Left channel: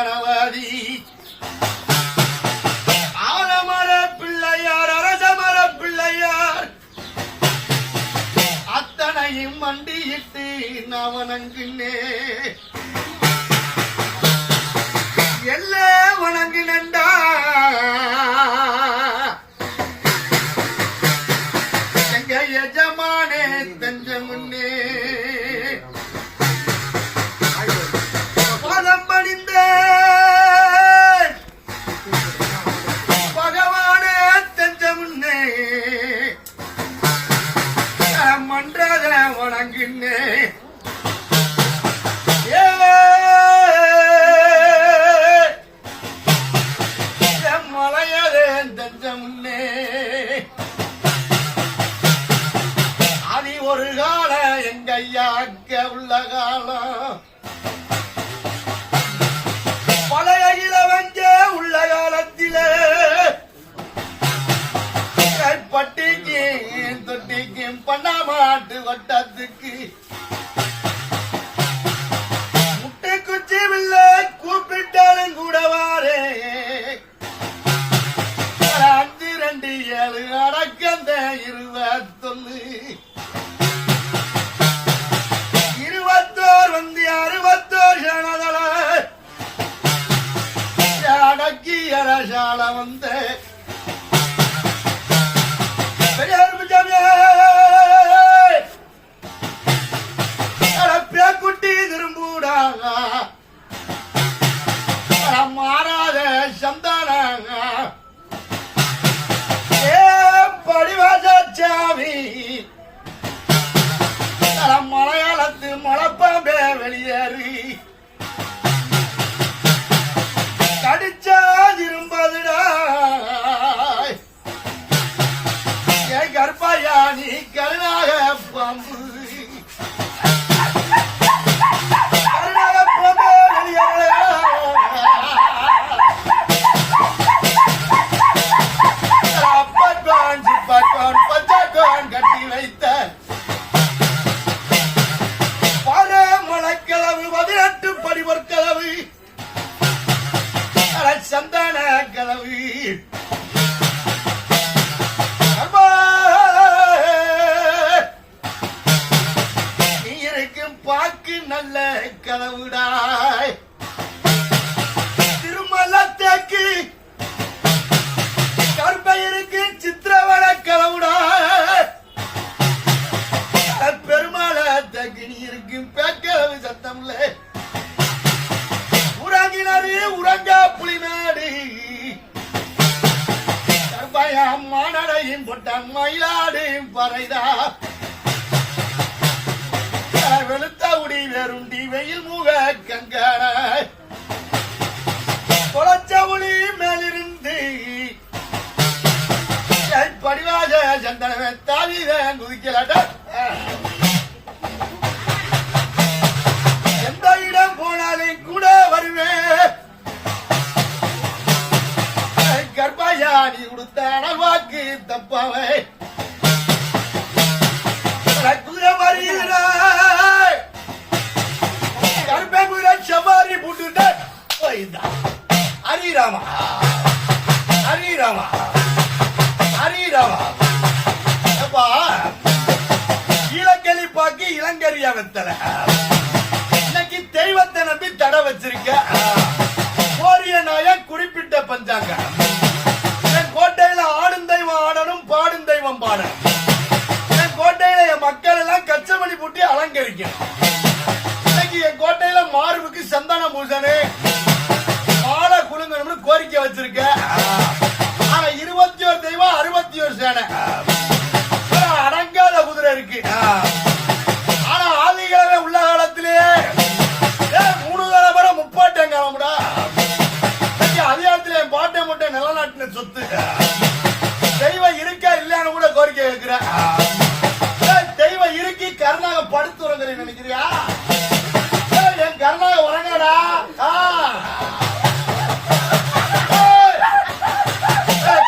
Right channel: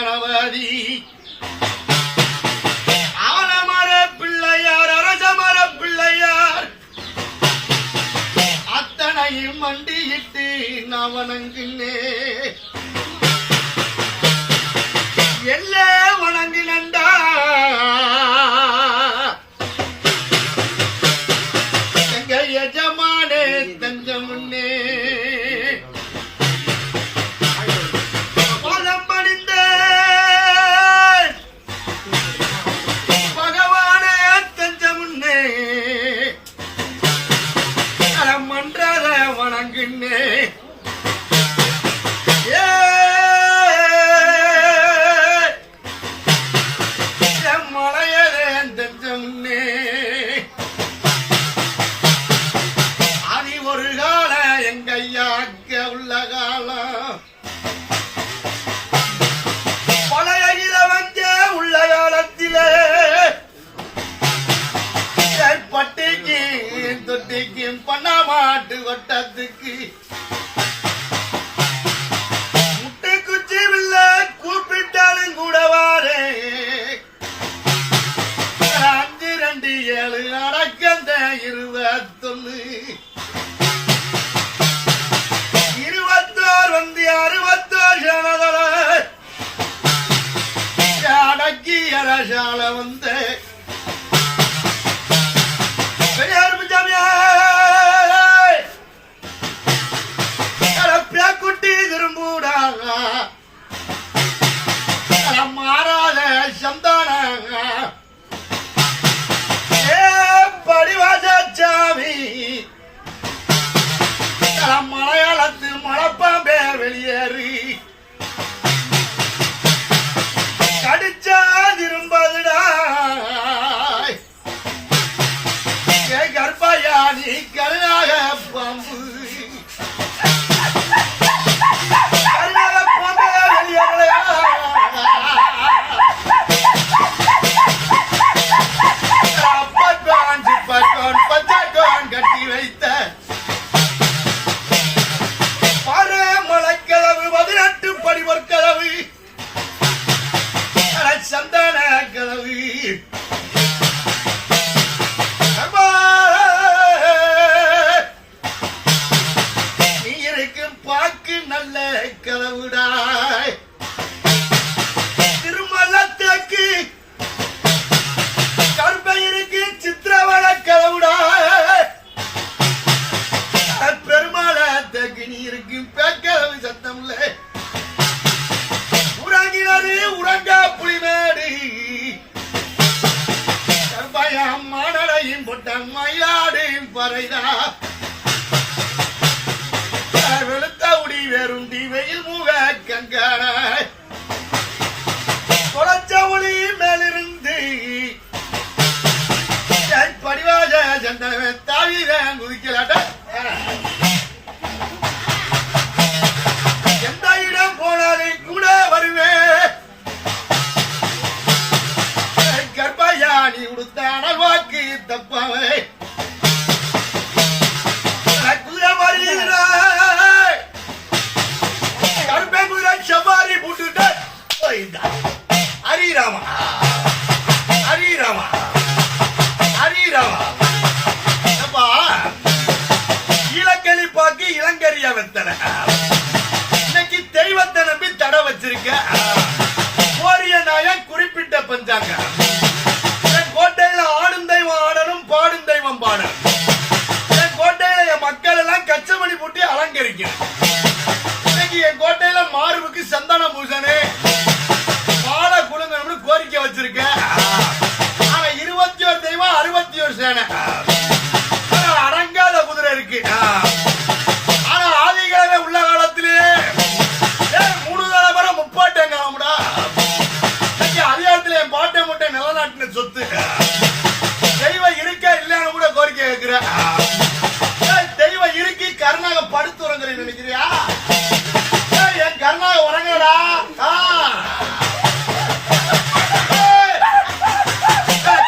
கணவாதி ஆலமர பிள்ளையார் அரசமர பிள்ளையார். அத்தனையும் மண்டியிட்டு நான் வணங்குனே எல்லே வணங்குனண்டா எங்க மன்றத வணங்குன்னே. வட்டத்துக்கு. முட்டை குச்சி வில்ல கூப்பிட்டாலும் கூட வாரே. அஞ்சு ரெண்டு ஏழு அடக்கந்த இருபத்தொன்னு. இருபத்தோர் வந்து அறுபத்தோர் சனதல அடக்கி அரசால வந்த பரமலைக்கதவு பதினெட்டு படிவர் கதவு சந்தான கதவு மானடையும் பொட்ட மயிலாடும் பறைதா. வெளுத்த உடி வேறுண்டி வெயில் மூவ கங்கான இன்னைக்கு தெய்வத்தை நம்பி தடை வச்சிருக்க. கோரிய நாயன் குறிப்பிட்ட பஞ்சாங்க. என் கோட்டையில ஆடும் தெய்வம் ஆடணும் பாடும் தெய்வம் பாடணும். என் கோட்டையில என் மக்கள் எல்லாம் கச்சமணி பூட்டி அலங்கரிக்கணும். இன்னைக்கு என் கோட்டையில மார்புக்கு சந்தன பூசணு. மாலை குழுங்கணும்னு கோரிக்கை வச்சிருக்க. ஆனா இருபத்தி ஒரு தெய்வம் அறுபத்தி ஒரு சேனை. நிலநாட்டின சொத்து. தெய்வம் இருக்கா இல்லையான்னு கூட கோரிக்கை கேட்கிறேன் தெய்வம் இருக்கு கருணாக படுத்து உறங்குறேன் நினைக்கிறியா? என் கருணாக உறங்கடா ஆ. ஏய், ஏய்,